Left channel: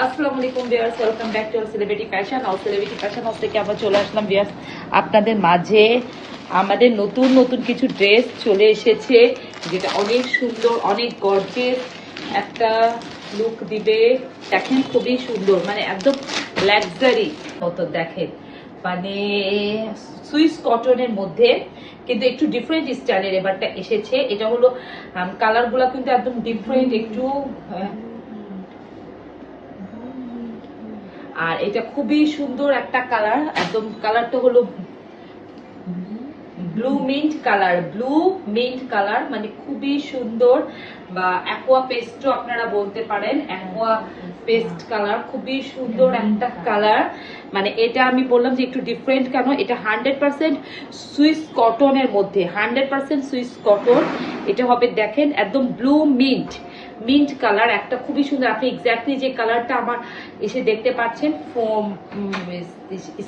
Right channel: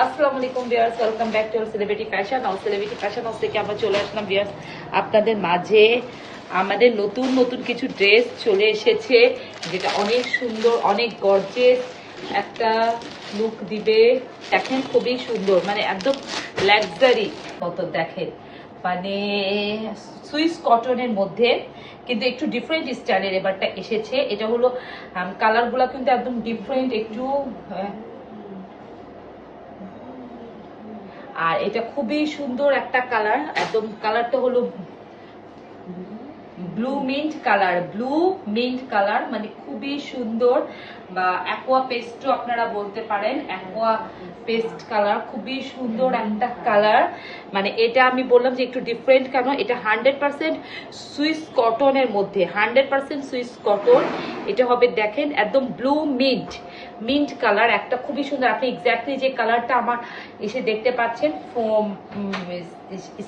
আসসালামু আলাইকুম viewers, welcome back to celebrity fashion house. Celebrity fashion house থেকে আমরা চলে আসলাম ভিউয়ার্স আপনাদের মাঝে। আমাদের নতুন নতুন কিছু ড্রেস চলে এসেছে, যেটা অনেক সুন্দর, অনেক গর্জিয়াস একটা লুক দিবে। দেখেন খুবই সুন্দর, মানে একদম লাক্সারি মতো দেখেন, মানে সুইস কটনের মধ্যে কিন্তু একটু ডিফারেন্ট স্টাইলের এবারটা এসেছে। এটা হলো কালারগুলো কিন্তু একদম ডিফারেন্ট একটু, আর এটা খুবই সুন্দর একটা কালার। একদম কালারটা হলো ব্লু মিন্ট কালার, মানে খুবই সুন্দর, বা অ্যাকোয়া পেস্টও আপনারা বলতে পারেন। অ্যাকোয়া পেস্ট কালার, খুবই সুন্দর একটা কালার। মানে এটা আমি বললাম যে একটু ডিফারেন্ট, কেন এটা 100% সুইস কটনের মধ্যে, 100% সুইস কটন এটা হবে। দেখেন একদম ব্লু মিন্ট কালার, একটা খুবই সুন্দর। আপনি এক্স্যাক্টলি যে কালারটা আমার এসে দেখতে পাচ্ছেন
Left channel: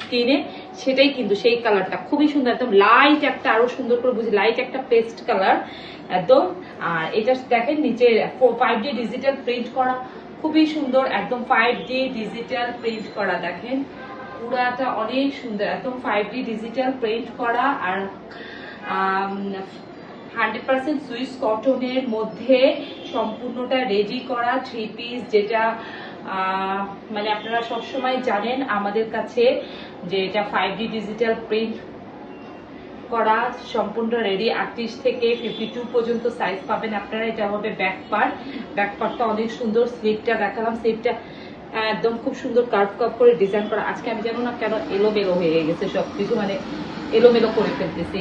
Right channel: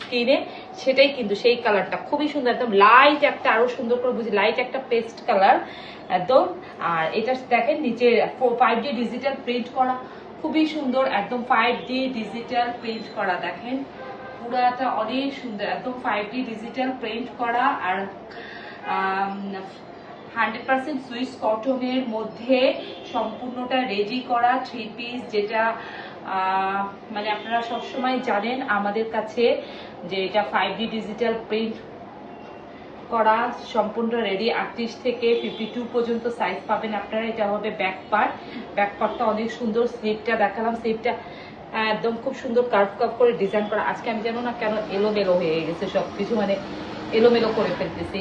স্ক্রিনে, সেটাই কিন্তু সেই কালারটা খুবই সুন্দর, একদম লাইট একটা, আরো সুন্দর করে বুঝি, লাইট একটা পেস্ট কালার একদম। আর এটা দেখেন নিচে 5D ডিজিটাল প্রিন্ট করা, খুবই সুন্দর, একদম 5D ডিজিটাল প্রিন্ট করা। দেখেন পুরাটা অনেক সুন্দর, একদম 5D ডিজিটাল প্রিন্ট করা। আর 100% সুইস কটনের মধ্যে সম্পূর্ণটা রেডি করা থ্রি পিস, যেটা মানে আপনারা সবসময় জানেন আমাদের কাছে যে এটা 5D ডিজিটাল প্রিন্ট করা, সম্পূর্ণ রেডি। 38 থেকে 52 পর্যন্ত সাইজ পাবেন আপনারা। এটা হবে ব্যাক পার্টটা অনেক সুন্দর। স্লিপটা দেখালাম, স্লিপটা একদম খুব সুন্দর কার্ভ করে ডিজাইন করা। আজকে আমি জানো না কেন এলোমেলো হয়ে গেছে সবকিছু, মানে এলোমেলো করে ফেলতেছি।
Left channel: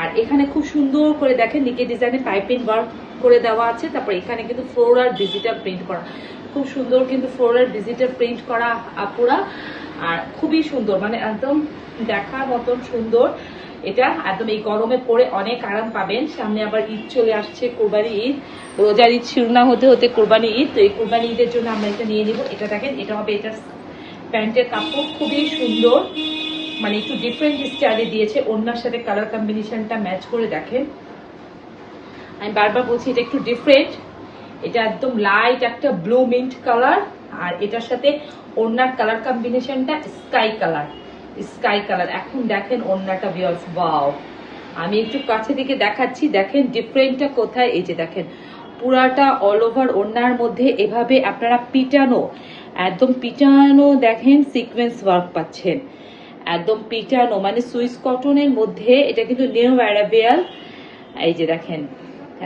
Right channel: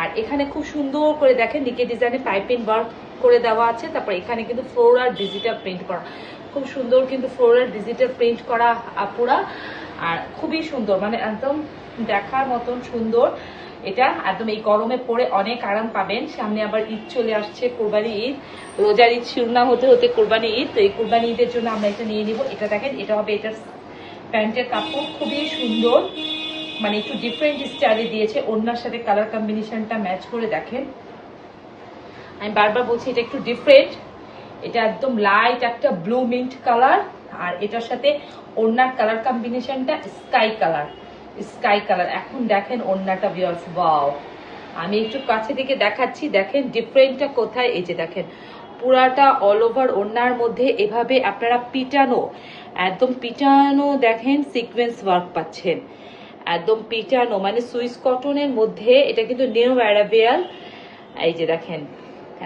আর এখানে খুব সুন্দর করে দেখেন নিকে ডিজাইনে পাইপিং ওয়ার্ক করে দেওয়া আছে। তারপর এখানে কিন্তু ফ্লোরাল ডিজিটাল প্রিন্ট করা, খুব সুন্দর কিন্তু ফ্লোরাল ডিজিটাল প্রিন্ট করা পুরা। আর খুবই সুন্দর, মানে একদম দেখার মতন সুন্দর। এটা একদম এই গরমে পরে অনেক আরাম পাবেন। সামনে আবার ঈদ চলে আসছে, কোরবানি ঈদ, রোজার ঈদ শুরু না হতে হতে কোরবানি ঈদ। তো এই কোরবানি ঈদের জন্য আমরা এটা নিয়ে নিব। এটা দেখেন, এটা হবে এটা প্যান্টের কাপড়, খুবই সুন্দর, মানে একটু ডিফারেন্ট স্টাইলে দিয়েছে। ওড়নার সাথে কালার কম্বিনেশনটা ম্যাচ করে দেখেন। আমি বারবার বলছি এটা একটু ডিফারেন্ট। এটা একদম লাইট একটা ব্লু মিন্ট কালার, আর এটার সাথে ওড়নার কালার কম্বিনেশনটা স্কাই কালার। এখন দেখেন ওড়নাটা ভিউয়ার্স, ওয়াও! আমি একটু কাছে থেকে দেখাচ্ছি, দেখেন ডিফারেন্টটা কোথায়। এই যে দেখেন পুরাটা অল ওভার ওড়নার মধ্যে এভাবে আপনারা পিটানো, একদম পিটানো দেখেন সিকোয়েন্স ওয়ার্ক পাচ্ছেন, একদম পিটানো, মানে সুইস কটনের মধ্যে। এটা কিন্তু নিউ অ্যারাবিয়াল, এই যে দেখেন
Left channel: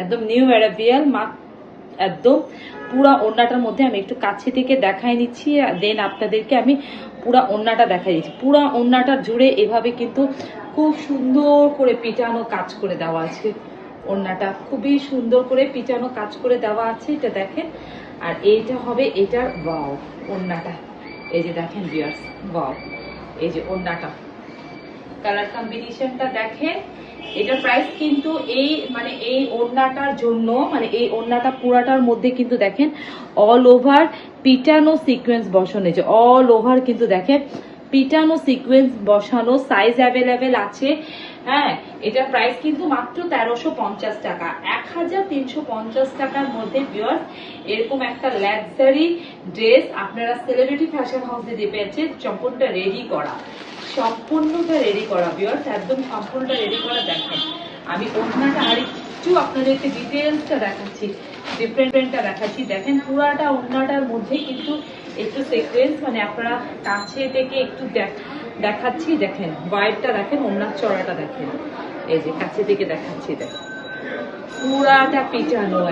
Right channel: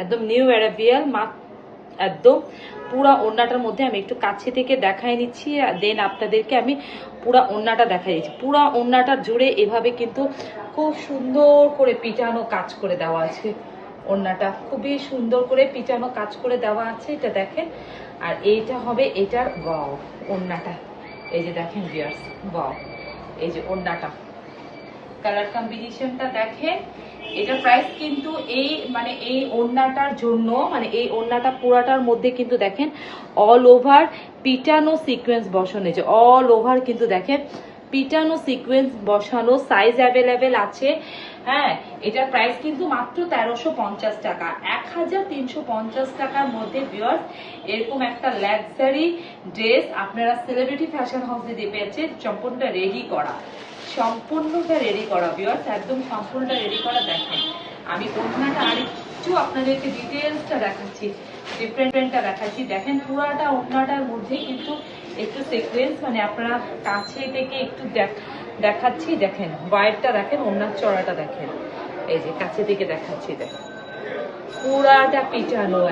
একদম নিউ অ্যারাবিয়াল একদম পুরা ওড়নাটার মধ্যে। আমি একটু কাছে থেকে দেখাই নিচ্ছি, দেন আপনাদেরকে আমি পুরা ওড়নাটা দেখাই দিচ্ছি। পুরা ওড়নাটা জুড়ে এভাবে কিন্তু খুব সুন্দর করে পিটানো কাজ করে দেওয়া আছে। ওড়নাটা খুবই সুন্দর করে পিটানো কাজ করে দেওয়া আছে, এটা দেখেন। আর এইটা হবে এটার ওয়াও ওড়নাটা, এই যে দেখেন ভিউয়ার্স, ওয়াও! এই যে ওড়নাটা, কালার কম্বিনেশনটা দেখেন। এটার প্রাইস কিন্তু এই ওড়নাটার জন্য, মানে এই ওড়নাটা পুরাটার মধ্যে কিন্তু দেখেন অল ওভার পিটানো সিকোয়েন্স বসানো, যে অল ওভার কিন্তু দেখেন পিটানো সিকোয়েন্স বসানো। সাইজ অ্যাভেলেবেল আছে। হ্যাঁ, এটার প্রাইস কিন্তু মাত্র 1350 টাকা, 1350 টাকার মধ্যে ভিউয়ার্স এরকম একটা লাক্সারি ড্রেস আপনারা সেলিব্রিটি ফ্যাশন হাউসে দিয়ে পেয়েছে, সম্পূর্ণটা রেডি করা, ভিউয়ার্স একদম সম্পূর্ণটা রেডি করা। দেখেন আমি ওড়নাটা আর একটু আপনাদেরকে ডিটেলসটা দেখাচ্ছি, ডিফারেন্টটা দেখাচ্ছি। দেখেন পুরাটা ওড়নাটার মধ্যে কিন্তু একটু সিকোয়েন্স, মানে আপনারা কাছে থেকে একটু দেখাচ্ছি। দেখেন হোয়াইটটা দেখেন, ওড়নার চড়াটা দেখেন, এই যে কাছে থেকে দেখাচ্ছি। দেখেন পুরাটা পিটানো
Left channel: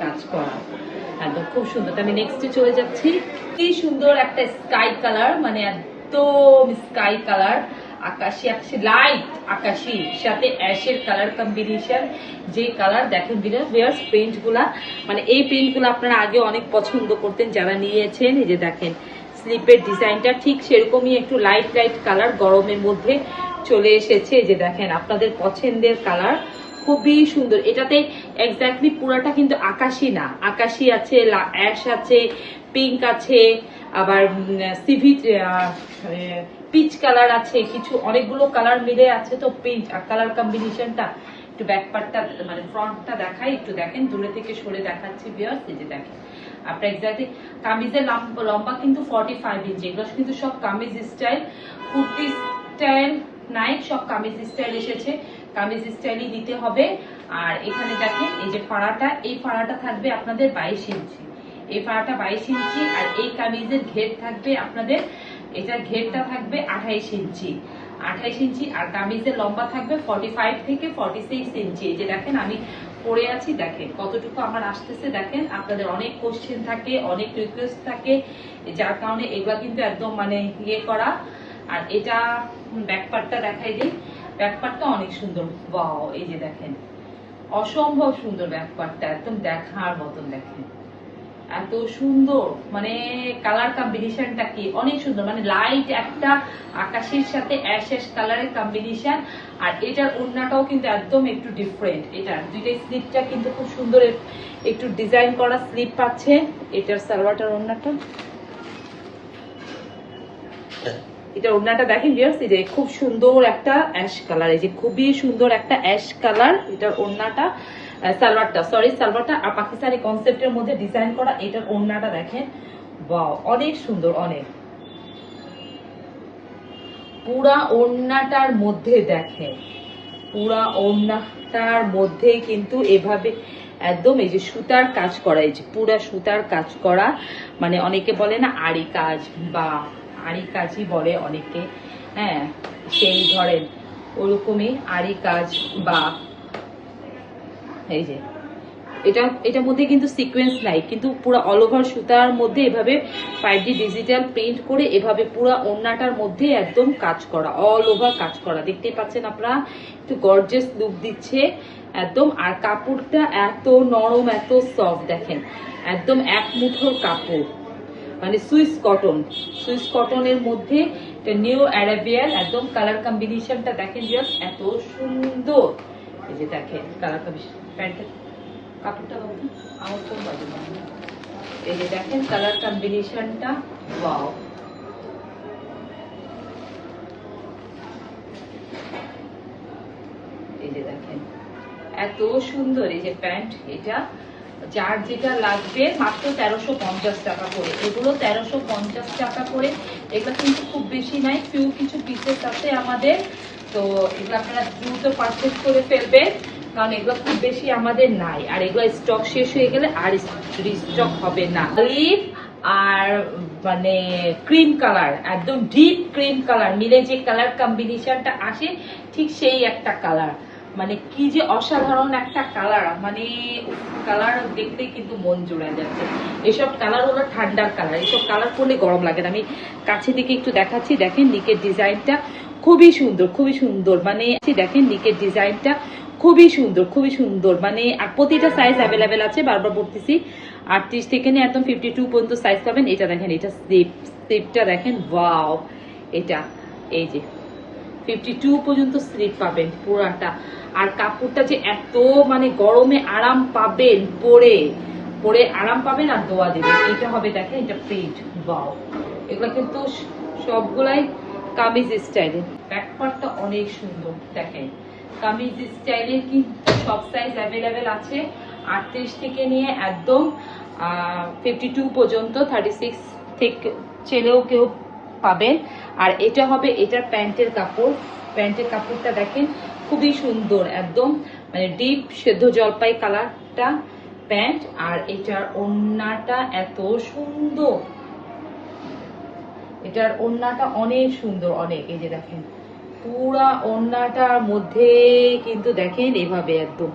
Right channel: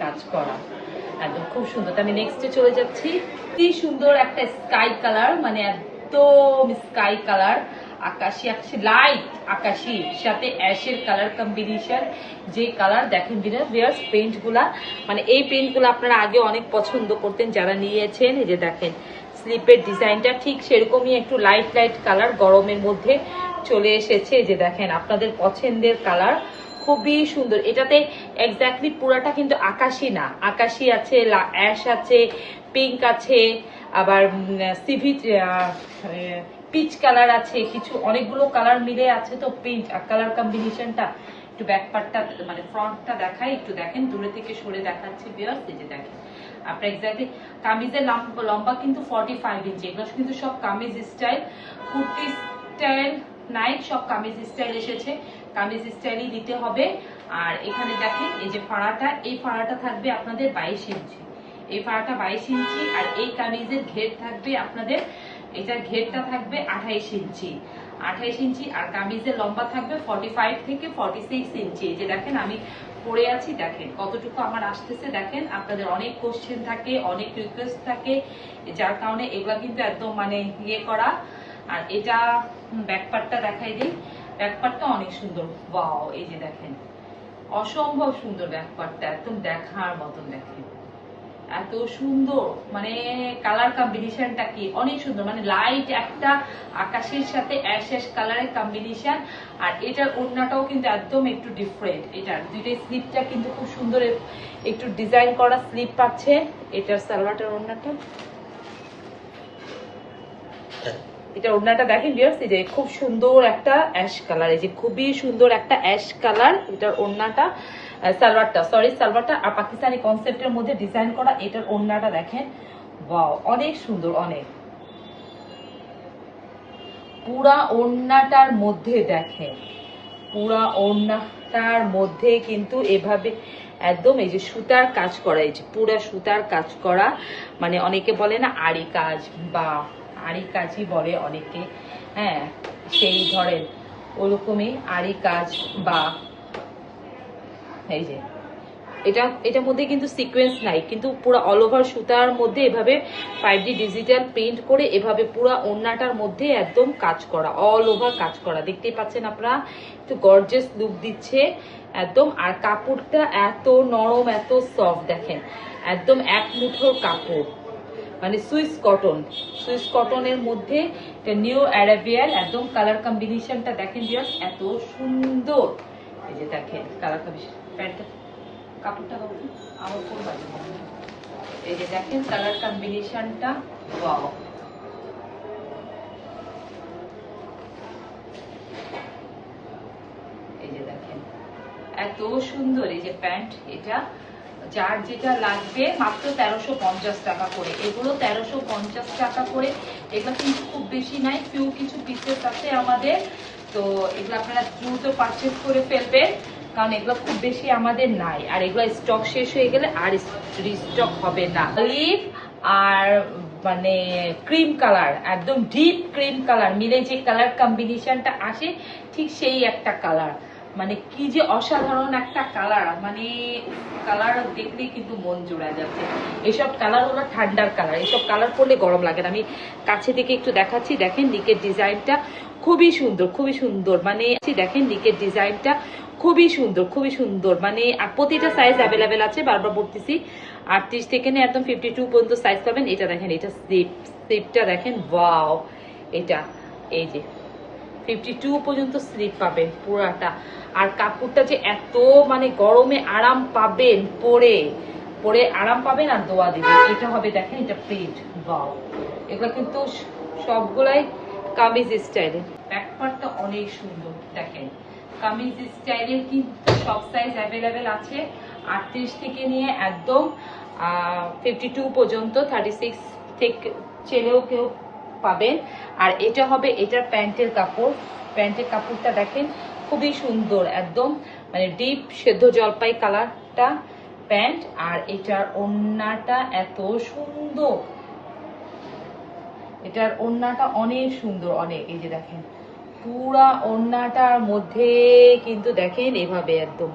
কাজ করা, একদম খুব সুন্দর। আমি নেক্সটে চলে যাচ্ছি। কি সুন্দর একটা স্কাই কালার, মানে একদম স্কাই কালার, আকাশি লাইট আকাশি সাথে অ্যাশের কালার কম্বিনেশন। যে কালার দেখেন ভিউয়ার্স, প্রিন্ট গুলা, মানে এই প্রিন্ট গুলো আপনারা আগে অনেক পছন্দ করতেন যারা নিয়েছেন। এই যে দেখেন স্লিপের ডিজাইনটা ঠিক সেরকমই একটু লাইট কালার, গরমের মধ্যে চলে এসেছে। এই যে দেখেন আপনাদের পছন্দের কালার, খুবই সুন্দর। এটাতে এক্স্যাক্টলি পুরাটা কিন্তু আকাশি না, আকাশি আছে, অ্যাশ আছে, পিঙ্ক আছে, আবার পিচ কালার আছে, কিছু অনেকগুলো কালার মিলে আছে। তো পিঙ্ক আর কালার কম্বিনেশনটা একটু ব্যাক পার্টটা, মানে ফ্রন্টটা দেখাই, একটু দেখেন দূরে থেকে সরে দেখাচ্ছি ভিউয়ার্স। এই যে দেখেন আপনার এক্স্যাক্টলি কামিজের লম্বা কিন্তু 45 ইঞ্চি। এগুলো কিন্তু সব কামিজ স্টাইল, কুর্তি স্টাইল নাই, সব কামিজ স্টাইল এসেছে, কামিজ স্টাইলই দিতে হবে। আর এখানে দেখেন এই যে ফাড়াটা, এই ফাড়াটা থাকবে আপনাদের 22 ইঞ্চি, এই ফাড়াটা 22 ইঞ্চি। আর এই কামিজের ঘের থাকবে আপনাদের, এটার ঘেরটা থাকবে 28 ইঞ্চি, 28 ইঞ্চি। আর কামিজের লম্বা থাকবে 45 থেকে 46 ইঞ্চি। এই যে দেখেন আমি পরে আছি, দেখেন কতটুকু আমার আসতেছে। দেখেন আপনাদের অনেক কোশ্চেন থাকে, অনেক রিকোয়েস্ট থাকে, যার কারণে এগুলা কিন্তু একদম মানে ইয়ে করা। আর এটা ব্যাকপার্টটা দেখাই দিই, ব্যাকপার্টটা অনেক সুন্দর, ওয়াও এই যে দেখেন অসম্ভব সুন্দর ব্যাকপার্টটা, একদম দেখার মতন। দেখেন এত সুন্দর, মানে কালার কম্বিনেশনটা কি অনেক সুন্দর, মানে লাইট একটা আকাশের সাথে অ্যাশ অ্যাশ কালারের কম্বিনেশন। আর এটার ওড়নাটাও কিন্তু একদম একটু ডিফারেন্ট, এটার দুইটাই স্লিপটা কিন্তু খুব সুন্দর একটু ডিজাইন করা স্লিপ পাচ্ছে। এটার সালোয়ারটার ওড়নাটা, এটা ওড়নাটা দেখেন ভিউয়ার্স, এই যে খুব সুন্দর একটা অ্যাশ কালার, এই যে খুবই সুন্দর একটা অ্যাশ কালার এটার ওড়নাটা, সালোয়ারটা সরি সালোয়ারটা আর পাকিস্তানি কনসেপ্টের মধ্যে ডিজাইন করা। এটার ওড়নাটা দেখেন, ওয়াও অনেক সুন্দর, অনেক পুরা ওড়নাটার মধ্যে দেখেন, পুরা ওড়নাটার মধ্যে কিন্তু এভাবে একদম এই যে সুতার কাজ করা, এই যে পুরা সুতার কাজ করা, মানে অনেকে বলে না আড়ি কাজ বা আড়ি কাজই বলে অনেকে, হ্যাঁ সেই ধরেন ওরকমই আড়ি কাজ। বা এই যে এটার মধ্যে কিন্তু সিকোয়েন্স নাই, কিন্তু পুরো অল ওভার সুতার মধ্যে এভাবে 5D ডিজিটাল প্রিন্ট করে এভাবে পুরো ওড়নাটার মধ্যে একদম কাজ করা, অল ওভার কাজ করা, দেখতেই পাচ্ছেন আপনারা, একটু গর্জিয়াস লুক দিচ্ছে একদম। আর কাপড়টা এত নরম, এত সফট, দেখেন একদম এক মুঠোর কাপড়, মানে সুইস কটন, সুইস কটনের মধ্যে এটা নিউ অ্যারাবিয়ান একদম কালার কম্বিনেশনটা দেখেন জাস্ট এত সুন্দর। এই যে দেখেন কালার কম্বিনেশন, প্যান্টটা কাপড়টা দেখুন আমার কোন বাজে মনে হয়, এই যে দেখেন কালার কম্বিনেশনটা, ওয়াও এই যে দেখেন এত সুন্দর। এই যে প্যান্ট, এটা যার যেটা লাগবে মাত্র 1350 টাকা করে, এগুলো 1350 টাকা করে। এগুলো কিন্তু খুব বেশি নাই, ফিউ কিছু পিসেস আছে আমাদের, তো এগুলো আপনারা দ্রুত পারচেজ করে ফেলবেন, কারণ এগুলো খুব বেশি আমাদের নাই। আর এগুলো স্টক শেষ হয়ে গেলে আর রিস্টক হবে না। লিভ আর মানে ক্রিম কালার, একদম ডিপ ক্রিম কালার মিলে যে কালার কম্বিনেশনটা আসে, ঠিক সেই একটা কালার, মানে কি যে অসাধারণ একটা কালার, মানে কালার দেখলে কিন্তু মন জোড়া যাচ্ছে। এসব কালার হলো ঠান্ডার কালার, এসব কালার পরলে গরম লাগে না। আমি কাছে থেকে একটু দেখাচ্ছি, দেখেন নিকের ডিজাইনটা খুবই সুন্দর, খুবই সুন্দর, মানে দেখেন নিকের ডিজাইনটা খুবই সুন্দর, খুবই সুন্দর, মানে আর প্রতিটা সাইজ অ্যাভেলেবেল আছে, বারবার বলতেছি 38 থেকে নিয়ে একদম 52 পর্যন্ত সাইজ পাবেন। এটা দেখেন, এটা স্লিপটা দেখেন, ওয়াও এটা এই যে 52 পর্যন্ত স্লিপ পাবেন পুরাটা। আর কাপড়টা যে এত মানে গরমে আরাম পাবেন, পরে পরে আরাম পাবেন আর দোয়া দেবেন। এটা হবে দেখেন, এটা প্রিন্ট, ওয়াও এগুলো কিন্তু সবগুলাই কামিজ স্টাইলের। ব্যাকপার্টটা অনেক সুন্দর, দেখেন কামিজ স্টাইলের কিন্তু সব সাইজ অ্যাভেলেবেল আছে, 38 থেকে নিয়ে একদম 52 পর্যন্ত, 36 থেকে ছেলেও কেউ পাবেন। আর এটা হবে এটার প্যান্টের কাপড়, প্যান্টের কাপড়টা দেখেন খুবই সুন্দর, একদম মানে ডিপ সেদ্ধ জলপাই কালারটা প্যান্ট। আর এটার ওড়নাটা এত সুন্দর, এটার ওড়নাটা অনেক সুন্দর, অনেক, এই যে দেখেন পুরা ওড়নাটার মধ্যে কিন্তু দেখেন এভাবে একদম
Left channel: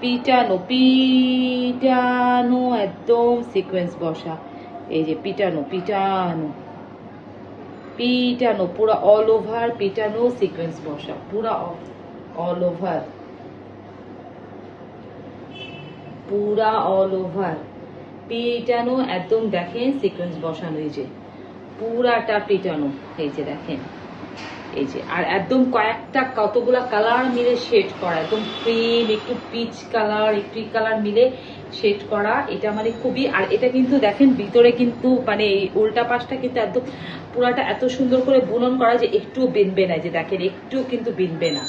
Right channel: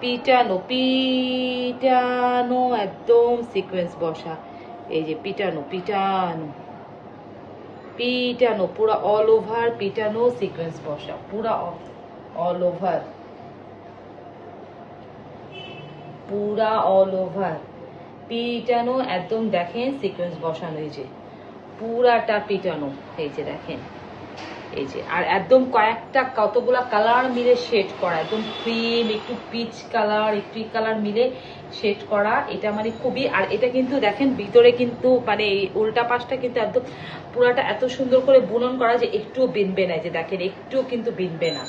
পিটানো পিটানো, একদম সিকোয়েন্স বসা, এই যে পিটানো পিটানো পিটানো, পুরা অল ওভার পিটানো সিকোয়েন্স বসা, পুরা অল ওভার, পুরা অল ওভার পিটানো একদম দেখেন সিকোয়েন্স বসানো, এই যে পুরাটা পিটানো, এই যে দেখেন এই যে। আর একদম কয়েকটা কতগুলা কালার মিলে শেড করা, একদম ক্রিম একটু পিচ কালার একটু কালার মিলে শেড করা, এটা মানে খুবই। আর এটা কিন্তু দেখেন ভিতরে কিন্তু মানে এই উল্টা পাশটা কিন্তু একদম পুরাটা এত সুন্দর করে বুনন করা যে একটু বিনবে না, যে দেখেন একটু কিন্তু বিনবে না,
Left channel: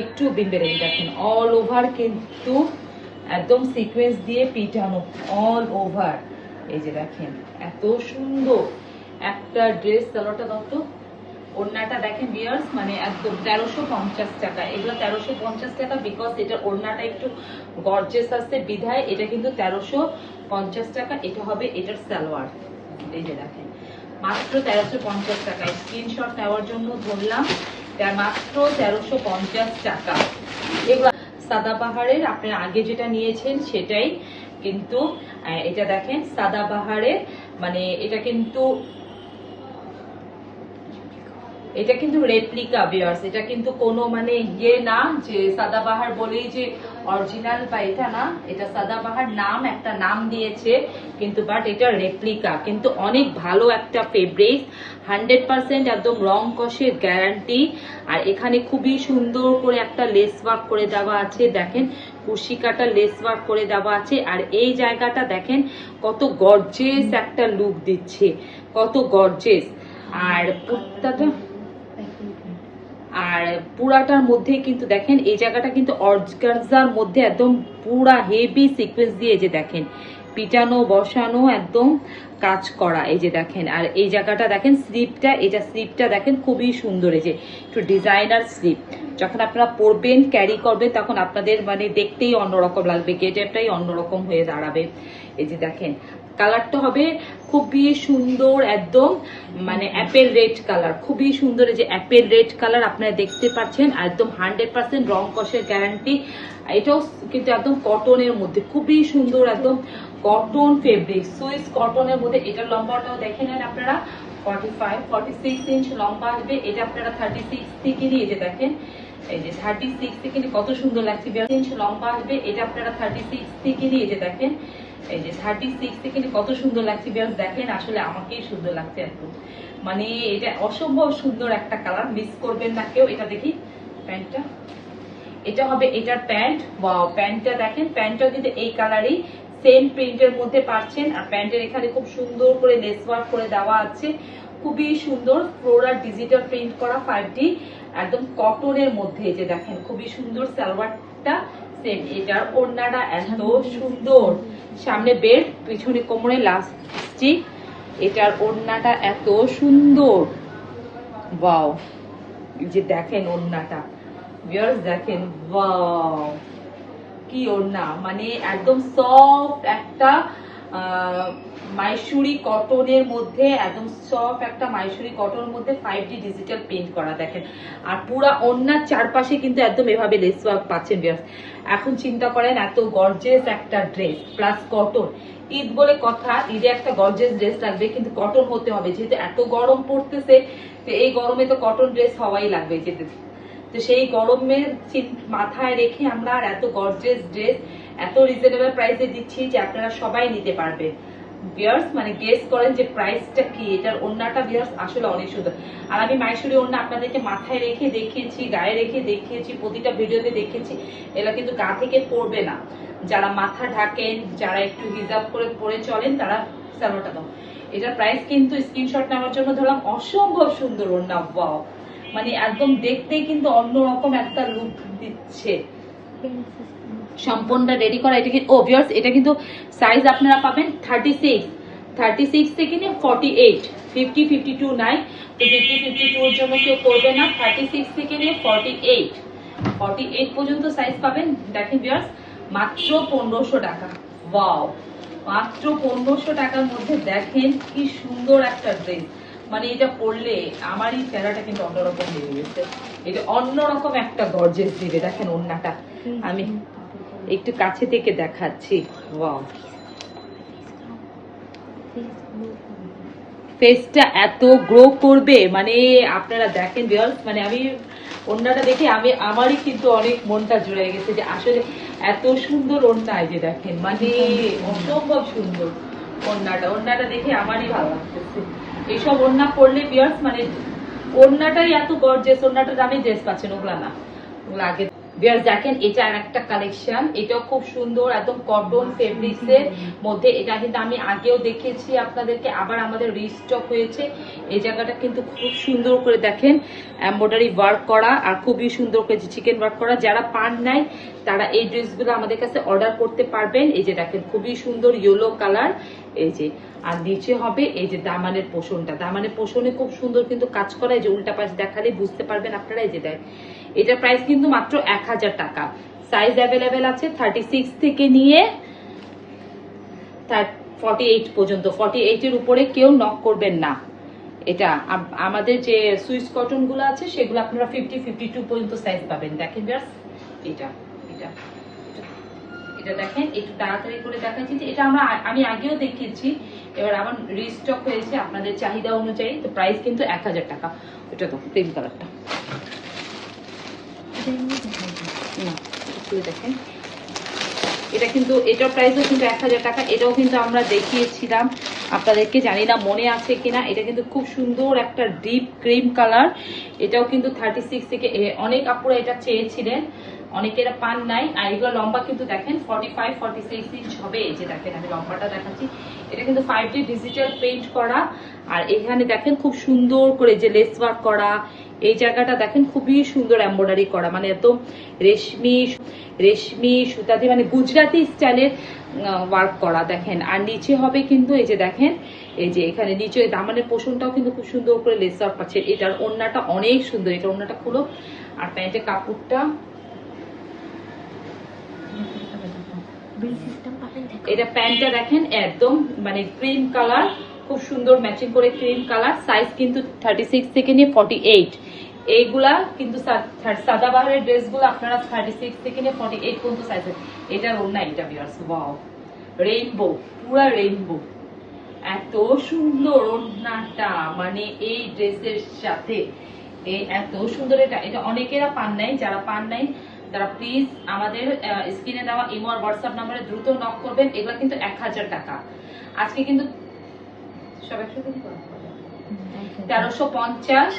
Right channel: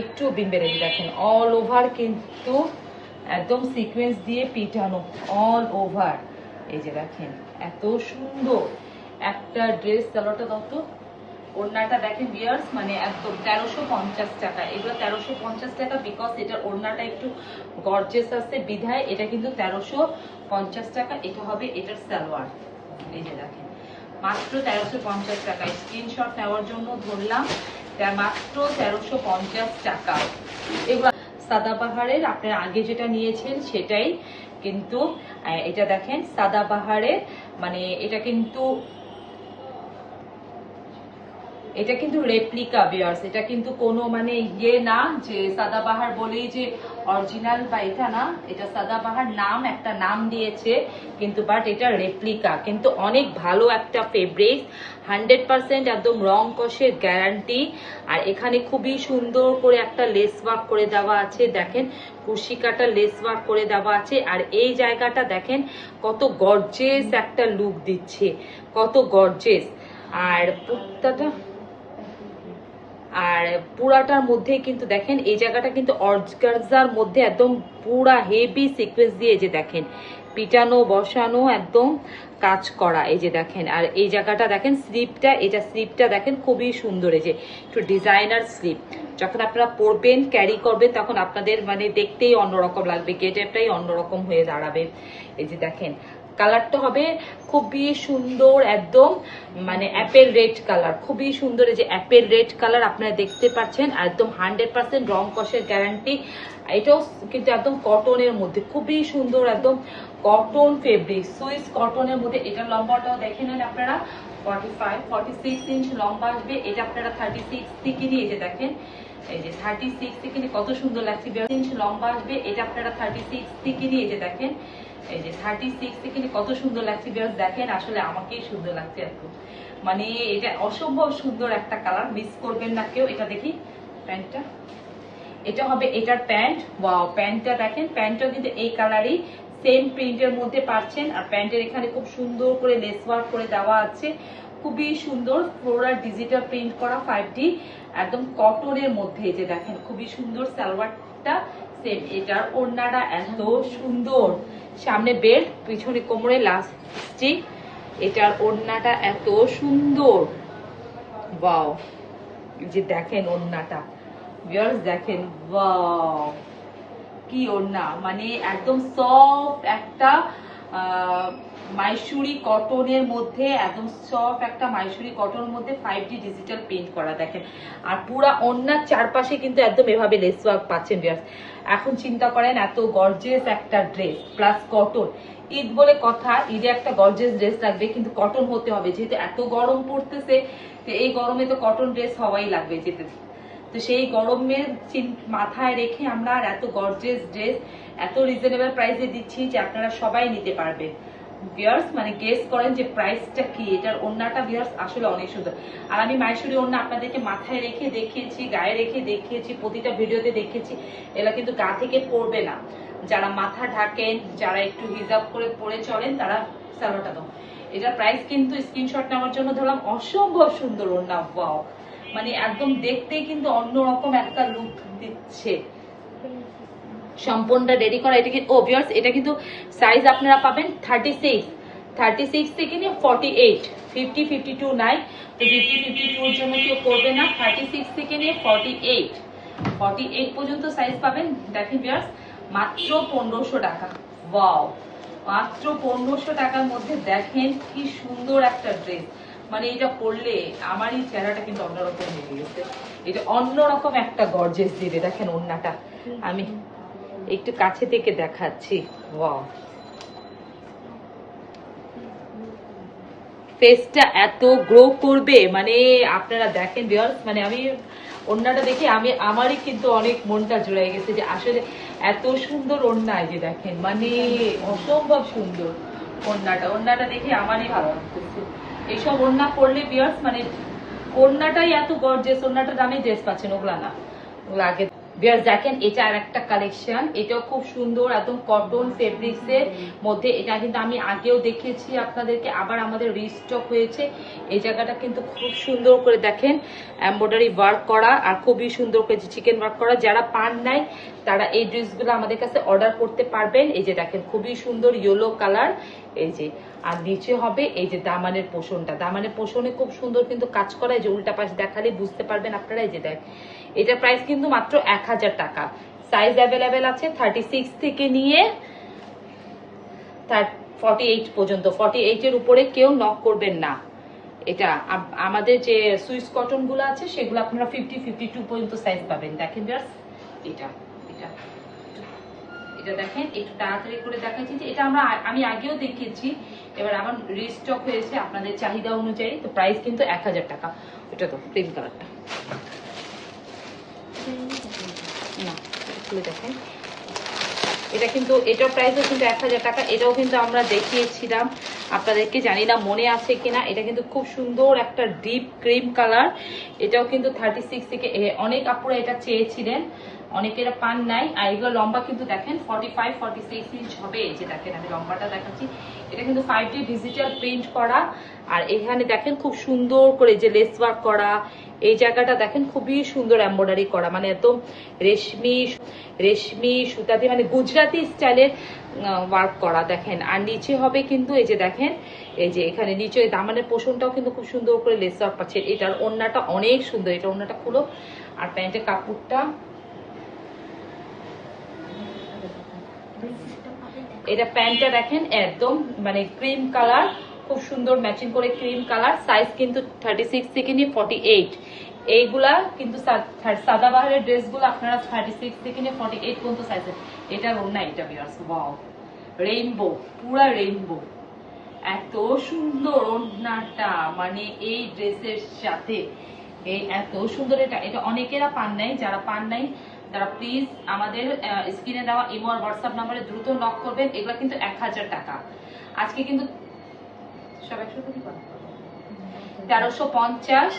একটু বিনবে না, যে দেখেন অল ওভার কিন্তু একদম সিকোয়েন্স দিয়ে পিটানো অল ওভার। এই যে দেখেন এত সুন্দর একটা ড্রেস। সালোয়ারটা দাও তো। ওড়নাটা দেখেন ভিউয়ার্স, মানে একদম 1350 টাকা। এগুলো 1350 টাকা বিকজ এটার ওড়নাটা একটু গর্জিয়াস আছে বিধায় এটা কিন্তু 1350 টাকা। এটা হবে এটার সালোয়ার। এই যে দেখেন মাত্র 1350 টাকা। স্ক্রিনশট নেওয়ার জন্য ধরলাম, মাত্র 1350 টাকা। এগুলো সাদাবাহারের, আপনারা আগে যেটা নিয়েছেন সেটাই কিন্তু। এটা দেখেন সাদাবাহারের, মানে এটা কিন্তু রেপ্লিকা ভিউয়ার্স। এটা কিন্তু কোনো মানে ইয়ে না যে সাদাবাহার বলেই যে অরিজিনাল বা এটা না। এটা সাদাবাহার নাম, একটা নাম দিয়েছে কিন্তু, বাট এটা রেপ্লিকা। কিন্তু অনেক ভালো একটা ফেব্রিক, 100% একদম রং কষের গ্যারান্টি। আর এখানে খুবই সুন্দর করে একটা লেস ওয়ার্ক করে দেওয়া আছে, দেখেন কুশি কাটা লেস ওয়ার্ক করে দেওয়া আছে। আর এই জায়গাটা দেখেন কত গর্জিয়াস একটা লুক দিচ্ছে, কত গর্জিয়াস। আর পুরাটার মধ্যে কিন্তু দেখেন এই জায়গাটা কিন্তু অর্গানজার মধ্যে একদম পুরা হেভি সিকোয়েন্স দিয়ে, এই যে দেখেন পিটানো বসানো একদম কাজ করা। এই যে দেখেন, আর এই জায়গাটা দেখেন স্লিপটা, এটা স্লিপটা দেখেন খুবই সুন্দর। এই যে একটু ডিজাইনার স্লিপ, যখন আপনারা পরবেন ক্যারি করবেন তখন আপনাদের মানে দেখতেই অন্যরকম লাগবে, গেটআপটাই অন্যরকম হয়ে দাঁড়াবে। এই যে দেখেন কালারটা হবে খুবই সুন্দর, একদম মানে অ্যাপেল রেড কালার, খুবই সুন্দর। এই যে অ্যাপেল রেড কালার আপনারা দেখতে পাচ্ছেন, একদম 100% রং কষের গ্যারান্টি। এটাও কিন্তু একদম কটনের মধ্যে, খুবই সুন্দর একদম কটন ফেব্রিক, সুইস কটনের মধ্যে। এটার লম্বাটাও দেখে নেন আপনারা, 46 ইঞ্চ লম্বা আসবে। এটা আপনারা 36 থেকে নিয়ে, যে দেখেন এই যে 36 থেকে নিয়ে কত সুন্দর লাগছে, 42 ইঞ্চ লম্বা আসবে। এটা আপনারা 36 থেকে নিয়ে, যে দেখেন এই যে 36 থেকে কত সুন্দর লাগছে। দেখেন আসলে আমাকেই সুন্দর লাগছে এত, মানে এটা অসম্ভব সুন্দর একটা কালার, মিস করবেন না কেউ। এটা দেখি প্যান্টটা, এটা হবে এটার প্যান্ট। ওয়াও, প্যান্টটা দেখেন, প্যান্টটা কিন্তু এই কালারই সেম প্রিন্টের মধ্যে পাচ্ছেন। আর প্যান্টের এখানে খুব সুন্দর করে লেস ওয়ার্ক করে দেওয়া আছে, খুবই সুন্দর ফ্লোরাল ডিজিটাল প্রিন্ট করা 5D একদম কটনের মধ্যে। এই যে দেখেন খুবই সুন্দর সালোয়ারটা সেম। এটার ওড়নাটা এত সুন্দর, সামনে বেল্ট, পিছনে কোমরে লাস্টিক। এটার ওড়নাটা এত সুন্দর, ওয়াও। যে দেখেন ওড়নাটা ভিউয়ার্স, দেখেন ওয়াও কি ওড়না, মানে একদম সফট একটা মাইসুরি কটনের মধ্যে, একদম সফট একটা মাইসুরি কটনের মধ্যে 5D ডিজিটাল পেইন্ট করা দেখেন। আর পুরা ওড়নার চারপাশে কিন্তু একদম এভাবে লেস ওয়ার্ক পাচ্ছেন ভিউয়ার্স। এখন চিন্তা করেন এত গর্জিয়াস একটা ড্রেস প্লাস কটন, ঈদ বলে কথা, ঈদে একটা গর্জিয়াস ড্রেস লাগবে কিন্তু কটন হতে হবে, যেহেতু এত গরম পড়তেছে, তো এই গরমে তো কটন ড্রেস হওয়াই লাগবে যেতে। তো সেই গরমের মাথায় রেখে আমরা আর এত গর্জিয়াস ড্রেস এত রিজনেবল প্রাইসে দিচ্ছি যে আপনারা সবাই নিতে পারবে। ভিউয়ার্স মানে গেস করেন যে প্রাইসটা কি। এটার ওড়নাটা ভিউয়ার্স আসলে অনেক সুন্দর। আর আমি মাইসুরি ওড়না আপনাদেরকে মাথায় রেখে দেখিয়েছি, গায়ে রেখে দেখিয়েছি, প্রতিটা ভিডিওতে দেখিয়েছি। এরা কিন্তু গা থেকে পড়বে না, যারা মাথা ঢাকেন, যারা একটু হিজাব করে পরে চলেন তারা সালোয়ারটা দাও। এটার প্রাইস কিন্তু স্ক্রিনশট নেওয়ার জন্য ধরলাম, অসম্ভব সুন্দর ওড়না, ওয়াও, মানে একদম দেখতেই কিন্তু অন্যরকম একটা লুক দিচ্ছে। সম্পূর্ণটা রেডি করা। এটা কি ও ভিউয়ার্স, এটা কিন্তু সাইজ আপনারা পাবেন 36 থেকে নিয়ে 48, 50, 52 নাই, তো 50, 52 এর জন্য কেউ করবে না। 36 থেকে নিয়ে 48 পর্যন্ত সাইজ পাবেন। দেখেন ভিউয়ার্স মাত্র 1500 টাকা, ওয়াও, মাত্র 1500 টাকার মধ্যে দেখেন কি সুন্দর একটা ড্রেস। মানে এটা পরলে আমারই চেহারাটা কিন্তু অন্যরকম হয়ে গেছে, এটা অন্যরকম একটা গর্জেস দিবে। দেখেন ওড়নাটা আমি একটু কাছে থেকে দেখাচ্ছি, ওয়াও, ফেসটা এত গ্রো করবে, মানে আপনারা দেখেন ভিউয়ার্স, মানে আমি ওড়নাটা দেখে আমারই কিন্তু অনেক মনটা জুড়ে গেছে যে আসলে এত সুন্দর ওড়না। এই যে দেখেন মানে অসম্ভব সুন্দর ওড়নাটা দেখে আমারই ভালো লাগতেছে। এইসব ওড়না পরলে ভিউয়ার্স মানে ওড়নাটাই এত গর্জিয়াস, ওড়নাটা দামে ড্রেস পাচ্ছেন, ওগুলা না, ওগুলো আগে ভিউয়ার্স দেখেন এটা আর একটা কালেকশন, এটাও খুব সুন্দর, একদম কটন ফেব্রিক্স এর মধ্যে। এটা কিন্তু আমি আগেও দেখিয়েছি আপনাদেরকে, আবার আমাদের রিস্টক হয়েছে। এই জায়গাটা কিন্তু খুব সুন্দর করে দেখেন এমব্রয়ডারি ওয়ার্ক করা, আর খুবই সুন্দর করে চিকেন ওয়ার্ক করা। যারা পান নাই তারা এই ড্রেসগুলো আমাদের কাছে অর্ডার করতে পারবেন। এই যে দেখেন খুবই সুন্দর ইয়েলো কালার, এই যে। আর নিচে হবে এই যে দামানের পোষণটা, দামানের পোষণে খুব সুন্দর কিন্তু কাজ করা। এই যে উল্টা পাশ দেখালে বুঝতে পারবেন আপনারা। এই যে দেখ, এটার প্রাইস কিন্তু মাত্র 1000 টাকা। সাইজ অ্যাভেলেবেল আছে 36 থেকে নিয়ে 48 পর্যন্ত। 48 এর উপরে কেউ নক করবেন না। এটা আমাদের যে সুইস কটন গুলো আছে সেগুলো আপনারা 50-52 পর্যন্ত সাইজ পাবেন। দেখেন জাস্ট এটা এটা এটা দেখেন, একটু তাড়াতাড়ি করে দেখাচ্ছি যে এটা আমি আগেও দেখিয়েছি, এবার আমার রিস্টক হয়েছে আপনাদের চাহিদা অনুযায়ী। তো প্রাইস কিন্তু 1000 টাকা। এটা তো ক্রিম কালারটা না, খুলে দেখেন। এটা কিন্তু এটার প্রাইসও কিন্তু 1000 টাকা। এটাও কিন্তু আমরা দেখিয়েছিলাম আপনাদেরকে, জানি না মনে আছে কিনা। এটা কিন্তু খুব সুন্দর একটা ডিপ ক্রিম কালার। এটাও কিন্তু 36 থেকে অনেক আপুরা এটা চেয়েছিলেন, অনেকের পান নাই। আর এগুলো লম্বা কিন্তু দেখেন 45-46 ইঞ্চ হবে। এই যে দেখেন আমি লম্বাটা দেখাচ্ছি। এটা কিন্তু 5D ডিজিটাল প্রিন্ট করা, আর এখানে দেখেন খুব সুন্দর করে যে লেস ওয়ার্ক করা। এই জায়গাটা দেখেন খুবই সুন্দর এমব্রয়ডারি করা, মানে একদম রেশমি সুতা দিয়ে, মানে গুজরাটি স্টাইলের ওয়ার্ক করা দেখেন। আর নিচে হবে কিন্তু এই যে দেখেন, এই যে এখানে নিচে দামানের পোষণটাও কিন্তু খুব সুন্দর করে লেস ওয়ার্ক পাচ্ছে। এটার ওড়নাটা অনেক সুন্দর, এটা ওড়নাটা খুলো। আর প্যান্টের কাপড়টা, এটা প্যান্টটা দেখেন একদম মানে ক্রিম কালার, খুব সুন্দর ম্যাচিং করে ক্রিম কালার। সাইজ কিন্তু 36 থেকে নিয়ে 48। এইগুলা কিন্তু সাদাবাহারের ড্রেসগুলো আপনারা 36 থেকে নিয়ে 48 পর্যন্ত সাইজ। এটার ওড়না এটা ভিউয়ার্স, ওয়াও রেইনবো, পুরা রেইনবো, এত সুন্দর ওড়নাটা, মানে এই ড্রেসের সাথে এত সুন্দর। এটা অনেকেরা পান নাই, যারা পান নাই তারা প্লিজ আমাদের স্ক্রিনে দেওয়া ইমো আর হোয়াটসঅ্যাপ নাম্বারে দ্রুত নক করবেন। এগুলো কিন্তু 1000 টাকা। আজকে কিন্তু সব 1350।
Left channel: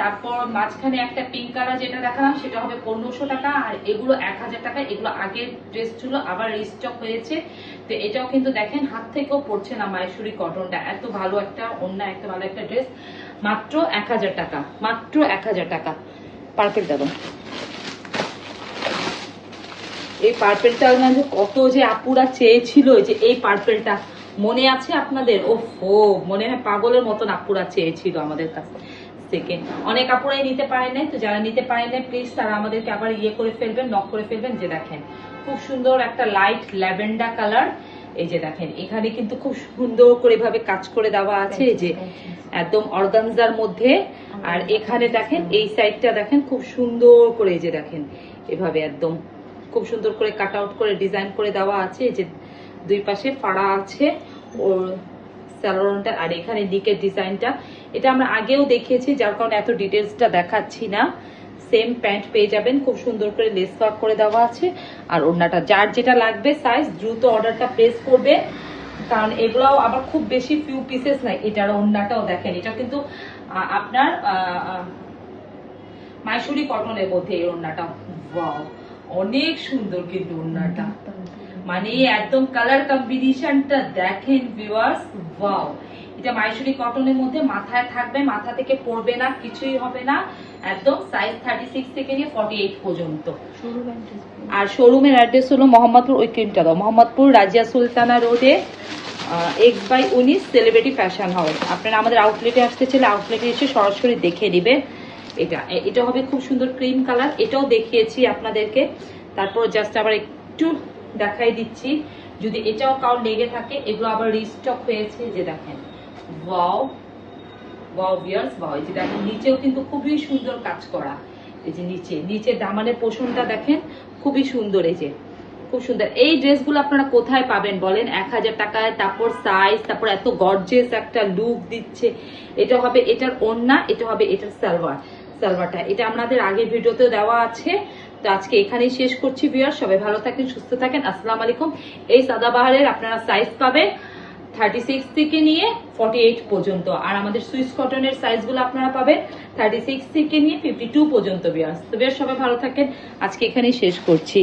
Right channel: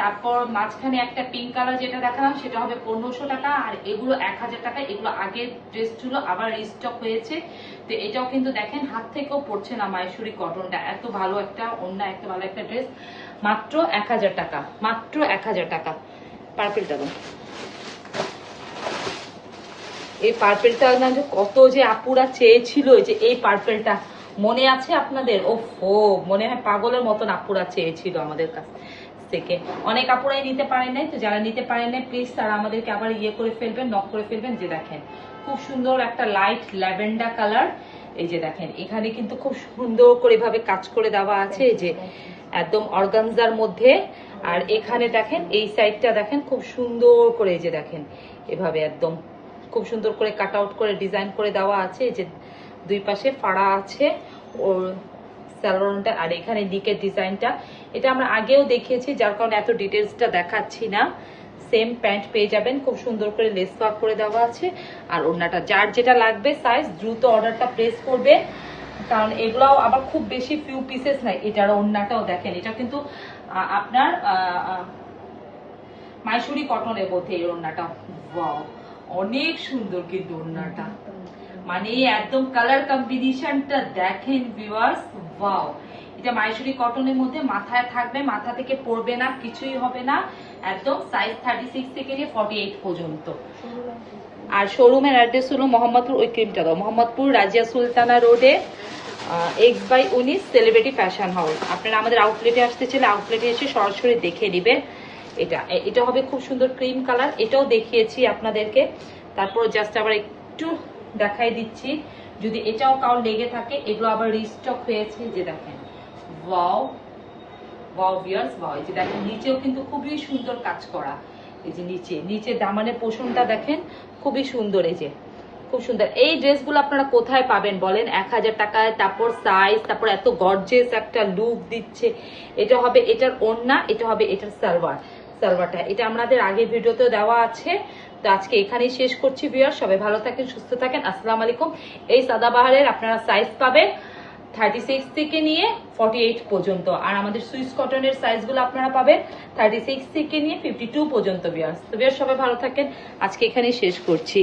তারপর মাঝখানে একটা পিঙ্ক কালার যেটা দেখালাম সেটা হবে 1500 টাকা। আর এগুলো 1000 টাকা। এগুলো আগের ড্রেস ছিল, আবার রিস্টক হয়েছে। তো এটাও কিন্তু দেখেন হাত থেকেও পড়ছে না, মাহেশ্বরী কটনটা। এত ভালো একটা ওড়না, এত ভালো একটা ড্রেস, মাত্র 1000 টাকা, মাত্র 1000 টাকা। পার্পেল দেবো, এই পার্পেলটা না যে কত যে আপুরা চেয়েছিল, যে এই পার্পেলটা মনে আছে আপনাদের? ও মনে হয় পাগলের মতন আপুরা চেয়েছিল আমাদের কাছ থেকে। অনেক আপুরাই নিতে পারেন নাই, তো যারা নিতে পারেন নাই প্লিজ তারা আমাদেরকে আবার ইয়ে করে ফেলবেন, নক করে ফেলবেন। যে দেখেন খুব সুন্দর একটা লাইট ল্যাভেন্ডার কালার। এই যে দেখেন এখানে কিন্তু খুব সুন্দর করে এভাবে কাজ করে দেওয়া আছে, এই যে একদম অর্গানজার মধ্যে। আর এখানে দেখেন এই সাইডটা দেখেন খুব সুন্দর করে, এই যে দেখেন এভাবে একদম খুব সুন্দর করে কাট আউট করে ডিজাইন করে দেওয়া আছে। এই যে দুই পাশে ফাড়া আছে ওর স্যালোনটা। আর এখানে নিকের ডিজাইনটা এটা আমরা আগেও দেখিয়েছি, যার কারণে এত ডিটেলসটা দেখাচ্ছি না। সেম প্যান্ট পেয়ে যাবেন, খুব সুন্দর করে লেস ওয়ার্ক করে দেওয়া আছে। আর ওড়নাটা যার যেটা লাগবে সাইজ দ্রুত অর্ডারটা প্লেস করবে, কারণ এগুলাও আবার খুব বেশি ফিউ পিসেস নাই। এটার ওড়নাটাও দেখেন, এটা কিন্তু আপনার মাইসুরি কটনের মধ্যে এই ওড়নাটা, ওয়াও অনেক সুন্দর কিন্তু ওড়নাটা, মানে একদম কালার কম্বিনেশনটা দেখেন ভিউয়ার্স, ওয়াও। এটা মাইসুরি কটনের মধ্যে মাথায় থাকবে, মাথা থেকে পড়বে না, কিছুই হবে না। একদম সাইজ 36 থেকে নিয়ে 48 পর্যন্ত। আর শোরুমের অ্যাড্রেস হলো মোহাম্মদপুর, ওই ক্রিমটা দাও, মোহাম্মদপুর রাজিয়া সুলতানা রোডে 1/19 সেলিব্রিটি ফ্যাশন হাউস। আপনারা আমাদের আউটলেটে আসতে চাইলে আউটলেটে এসে সরাসরি দেখে নেবেন। এটা হবে খুব সুন্দর ক্রিম কালার, এটাও দেখিয়েছি আপনাদেরকে। তারপর জাস্ট আবার একটু দেখাই দিচ্ছি, যদি এটাও কাউ লেগে থাকে। এগুলো আবার রিস্টক হয়েছে, যে দেখেন ওয়াও ওয়াও ভিউয়ার্স, ওয়াও। এই যে দেখেন নিচেও কিন্তু খুবই সুন্দর কাজ করা। এই যে নিচে দামানের পোষণটা দেখেন খুবই সুন্দর, এই যে খুব সুন্দর। এই ড্রেসগুলো আপনারা কোথায় পাবেন বলেন? 1000 টাকায়। তারপর সাইজ, তারপর এত গর্জিয়াস একটা লুক দিচ্ছে। এটা হবে এটার ওড়না, এটা হবে এটার সালোয়ারটা। এটা আমাদের আগের ভিডিওতেও দেওয়া আছে। তো আজকে এখানেই শেষ করছি ভিউয়ার, সবাই ভালো থাকেন, সুস্থ থাকেন, আসসালামু আলাইকুম। এই সাদাবাহারের আপনারা সাইজ পাবেন 36 থেকে নিয়ে 48 পর্যন্ত। আর আমাদের সুইস কটনের সাইজগুলো আপনারা পাবেন 36 থেকে নিয়ে 52 পর্যন্ত। বিয়ার্স, সবাই ভালো থাকেন, আজকে এখানেই শেষ করছি।